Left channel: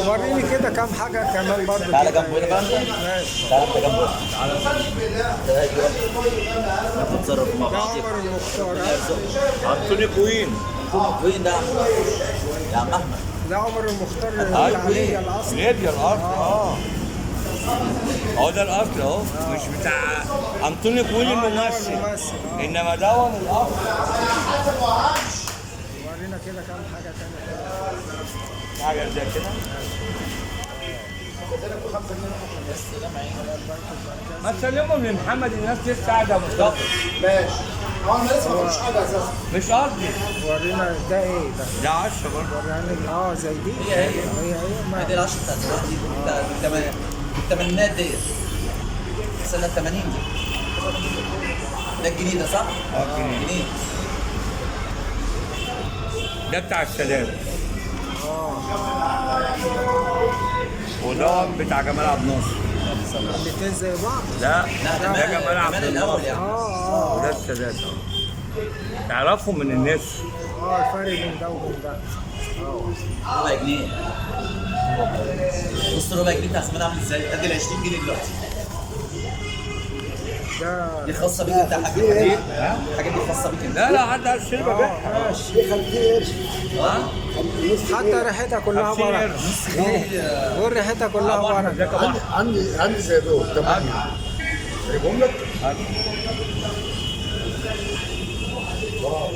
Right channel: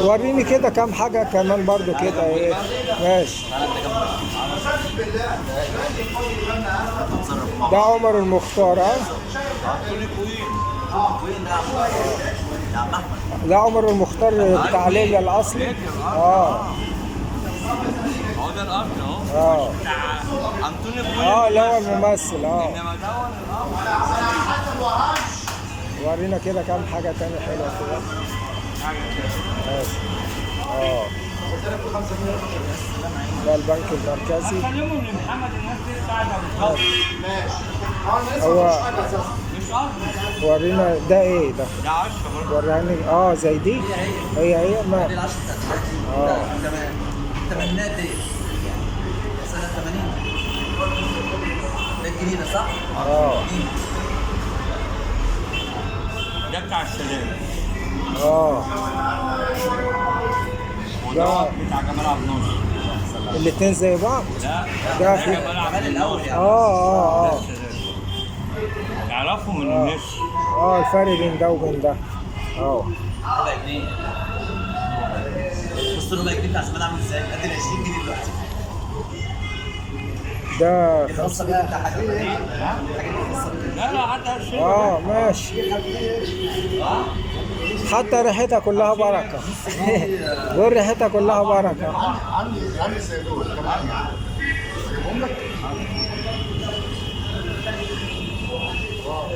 وريني كده كام حاجة كمان برضو تعالى كده جنبنا ايه. بقى. ماشي. تعالى انت جنبنا. تعالى نتصرف مع ده بعض. عمر المختار ها. انتوني كوين. وين ده يا عم احمد؟ ده عمر المختار بتاع ليبيا الاصل. ليبيا الاصل. هو ده الاصل اهو، مش بتاع انتوني كوين لا هو الممثل. الممثل انما ده هو الاصل. ورينا كده كام حاجة تانية حلوة كده. حاجه زي كده. ماشي. ده البنك المركزي. هسلمهم لمحمد، الناس لسه قاعده مصطفى. هو مش قصدي. ورينا ده ايه ده؟ ده 10 برضه. وريني زي دي. هي دي ما العشرة بتاعت دلوقتي. ده الثمانينات ديت. سنة 80. ده الجديدة صح؟ جديد. ده بتاع السلام. لا. وده بتاع جمال عبد الناصر. الاتنين زي بعض. لا ده ده جمال عبد كمان الأول الناصر. يعني. ده السلام. تعرفهم من الناس. الفرق بين ده وبين ده. ربع جنيه. بص ربع جنيه بتاع زمان عامل ازاي؟ ادي ال 20 جنيه دلوقتي. ده دي خاصة بيك انت حاجة دي خاصة بيك انت. لا حد هشتري. ماشي. حتى ريحتها كلها بركة. قول ريحتها كلها بركة. عندي زي دول 8 هم لك.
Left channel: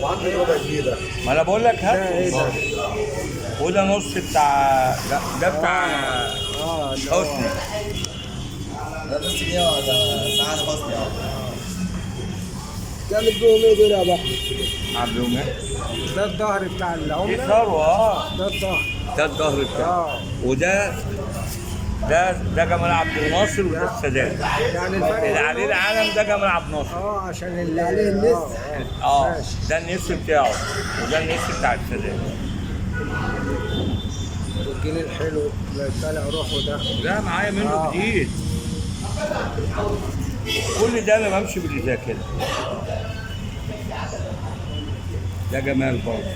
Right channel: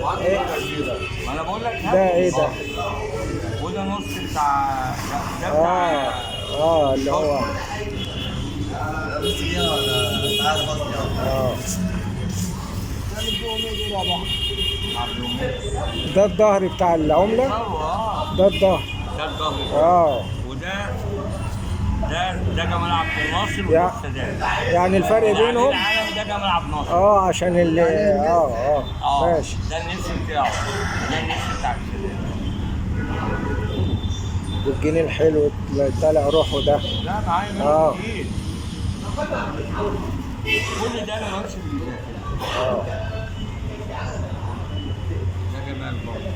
وعندي واحدة جديدة. ما انا بقول لك هات. ده ايه ده؟ وده نص بتاع ده بتاع اللي هو حسني. لا بس دي ده سعادة حسني ده اللي بيهم ايه دول يا ابو عبد الوهاب. ده الظهر بتاع العملة. ثروه. ده الظهر. ده الظهر بتاعه. وده ده جمال عبد الناصر وده السادات. يعني الفرق اللي عليه بينهم العلم ده جمال عبد الناصر. عشان اللي ماشي. ده النسر بتاعه وده النسر بتاع السادات. والجنيه الحلو اللي طالع روحه ده. لا معايا منه كتير. كل ده انا بمشي بالذاكره. ده جمال برضه.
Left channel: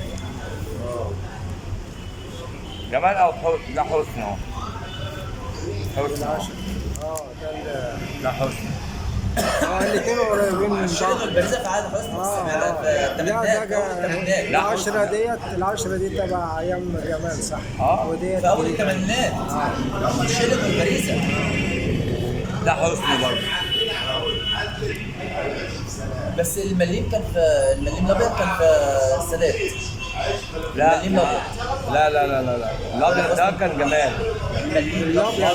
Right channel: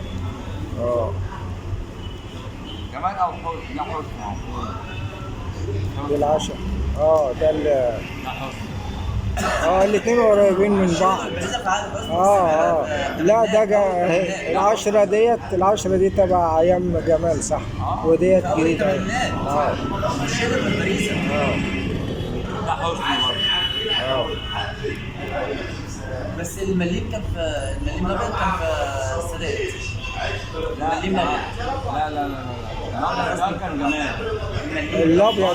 جمال او حسن. ده حسن اهو. ده العشاء. ده حسن. الاثنين قريبين من بعض. البريزة في عادة حسني. لا ده العشرة دي تبع ايام جمال صح. وديت في أول جديدة. الثمانينات. شيلت البريزة. ده حسني برضه. بس المليم كان في المليم الابيض كان في السادات. لا المليم الابيض. لا الابيض ده كان جمال.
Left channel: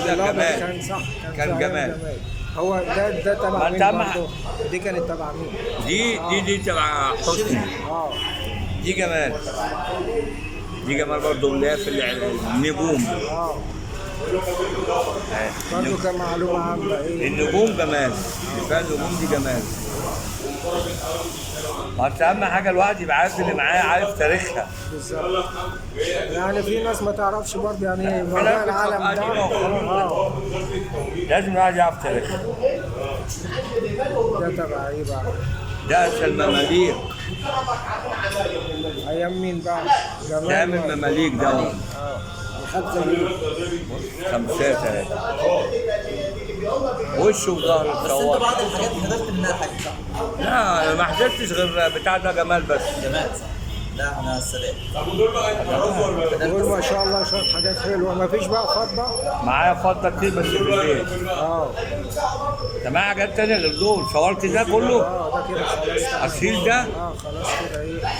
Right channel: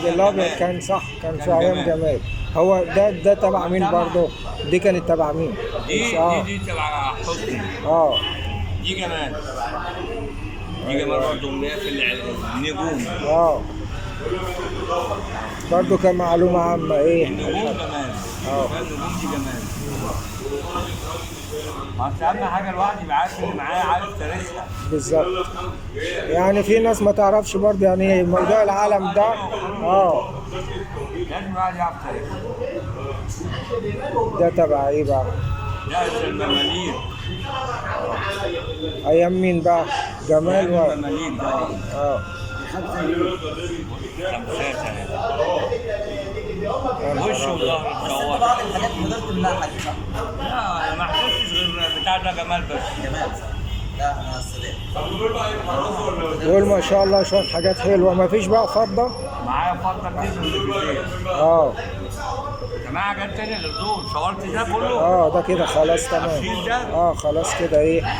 الابيض كان صح. كان في ايام جمال. هو ده تبع مين برضه؟ دي كانت تبع مين؟ دي تبع حسني. دي جمال. دي جمال برضه اللي هي في النجوم. برضه كمعلومة عامة ايه؟ النجوم جمال. فيها النجوم دي جمال. بس اهم حاجه الواحد يبقى عارف اللي معاه، عارف تاريخها. بالظبط. يعني في ناس ما تعرفش برضه يعني ايه موضوع العالم ده. لازم الواحد يعرف تاريخها. ده تبع ايه بقى؟ ده المماليك. ايام مين بقى؟ ده جمال من المماليك ده. خمسات اهي. وشه وظهره. بس انت بعض الحاجات حضرت منها حاجة صح؟ لا انا ما حضرتش غير بتاع ده جمال بس. جمال صح. لا احنا السادات. دول ما شاء الله شوية حاجات حلوة. ما فيش بقى فضة؟ معايا فضه كتير بس في البيت. انت معايا حاجات تانية غير دول. صورت ده كله. ده كده خلاص تمام. اشيل ده. خلاص كده ايه